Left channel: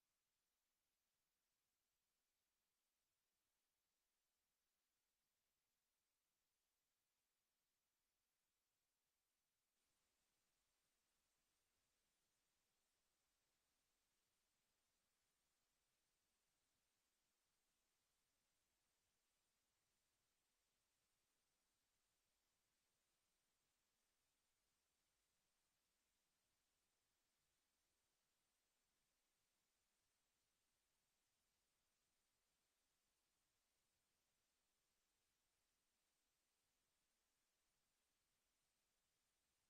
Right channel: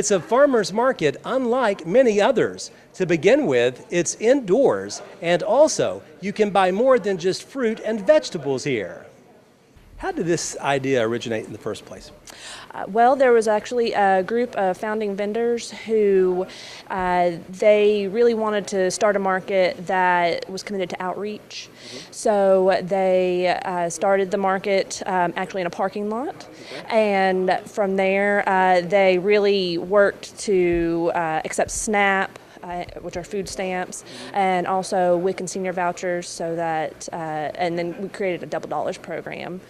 It's a farmer's market unlike many others. To begin with, it's indoors, and also you can buy more than just fruit and vegetables here. How did this idea originate in the first place? Well, there was actually a group of founding vendors who they really wanted to start a market that was committed to outreach. So they started the market actually in a parking lot. And from there, they really worked to accept SNAP, which are food stamps, and also WIC and senior vouchers, so that, and then we created a double dollars program.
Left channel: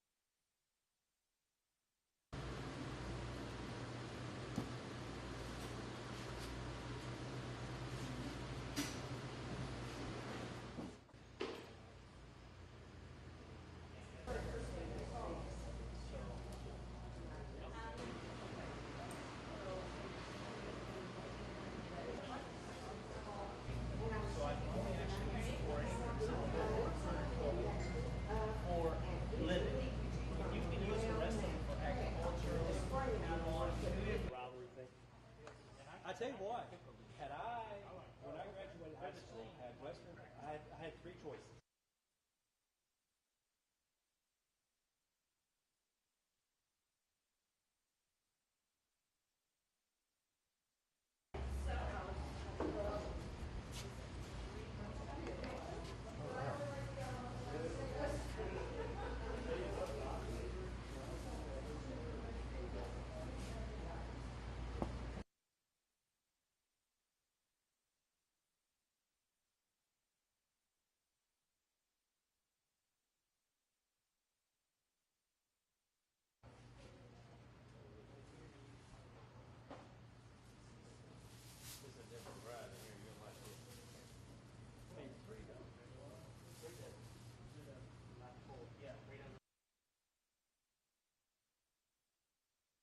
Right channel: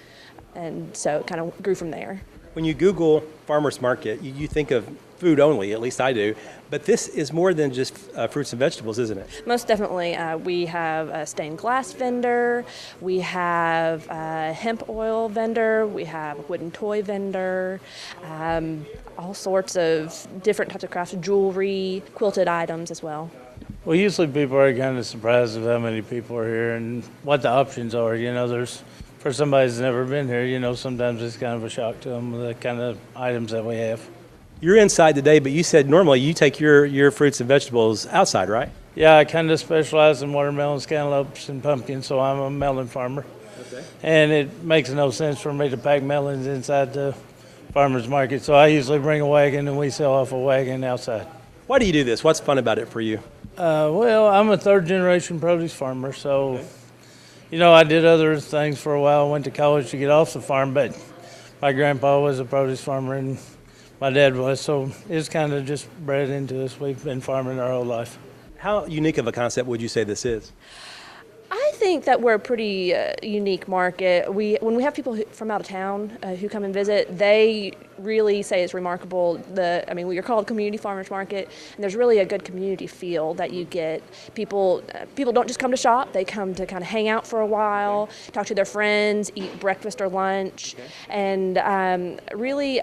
And so it kind of grew from there. When you Google farmer's market, you think of food only, at least I do, but this is more than just fruits and vegetables, isn't it? Most definitely. We have a stained glass vendor, we have a hemp oil vendor, we have a wooden toy vendor, all sorts of different types of crafts, jewelry, quilted items as well. Well, usually people are kind of surprised of how many people are here and what the options are. For somebody who's never been here, sometimes it's kind of a shock to them, the kind of items that we have. You're inside today, but you said normally you take your fruits and vegetables outside, right? Yeah, I kind of specialize in watermelons, cantaloupes, and pumpkins, so I'm a melon farmer. Okay. And it makes no sense for me to pack melons inside the farmer's market, so I usually bring a wagon and we sell off a wagon outside. Why do you do this? What's fun about it for you? Well, I'm a third-generation produce farmer, so... Okay. I did other things for a while. I went to college to get off the farm, but my grandpa was a produce farmer and my dad was, so it's kind of just bred into us. We've been farming our whole life. How unique of a concept would you say this is? I think that we're a pretty unique market. When we have people from out of town who come and visit, they really say it's remarkable. We're called Community Farmers Market, and there's really a good community feel that you get. People don't just come to shop; they come to kind of hang out for a while, talk to their friends, eat breakfast or lunch, and really,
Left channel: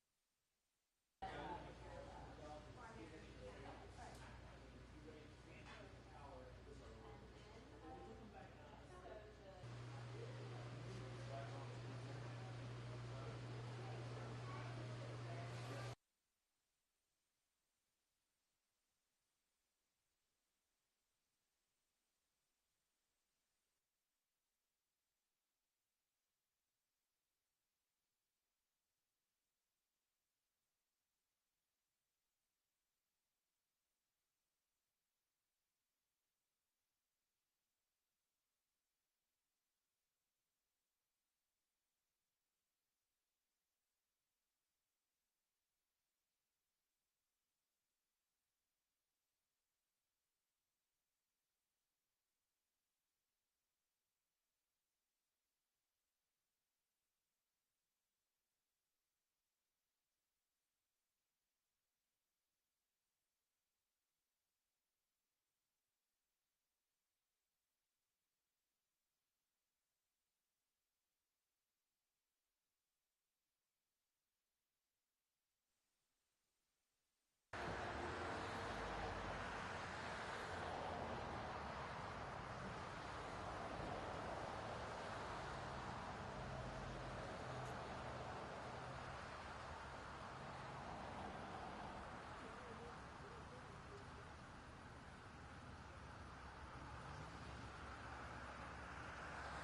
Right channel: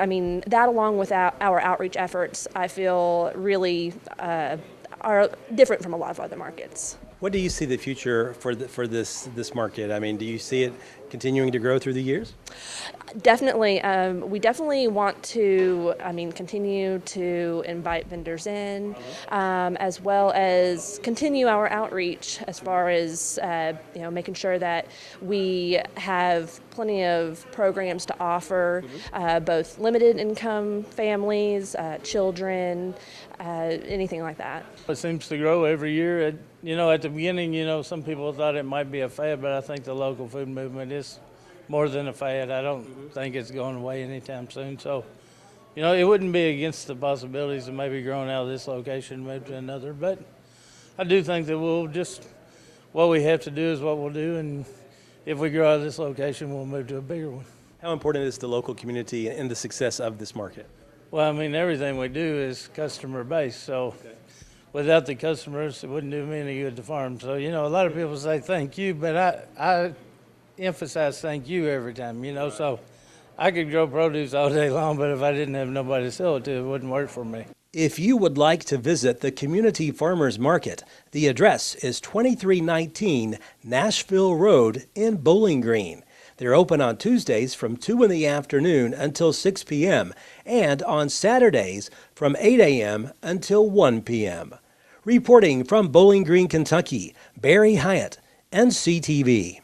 that along with our outreach efforts, I feel really are different from a lot of other markets. What do you see the future for this market? Do you see it continuing to grow through the years? Definitely. We definitely want to, continue to invite vendors in, as well as continue our outreach as far as, making sure that we have plenty of programs to offer, both limited income families, children, anything like that. It seems to grow every year. At the beginning, some people thought it might be a fad, but I think the local food movement is more than a fad. I don't think it's going away anytime soon. So, it wouldn't be against the possibilities of maybe growing out of this location, move to another. But I do think that what we have to do is what we'll do. And if we grow out of this location, we'll move to a bigger one. How important is the local community in the success of this market? Well, everything we do is customer based. So without the customers, it wouldn't do me any good to farm. So, a lot of people say thank you, but I emphasize thank you every time, so I could grow produce all day long, but if I didn't have nobody to sell it to, it wouldn't work for me. If you would like to visit the Community Farmers Market, the address is 2319 Nashville Road in Bowling Green. They're open on Tuesdays from 2 in the afternoon until 6 p.m. and on Saturdays from 8 a.m. until 1 p.m. Reporting from Bowling Green, Kentucky, Barry Hiett, NCTV.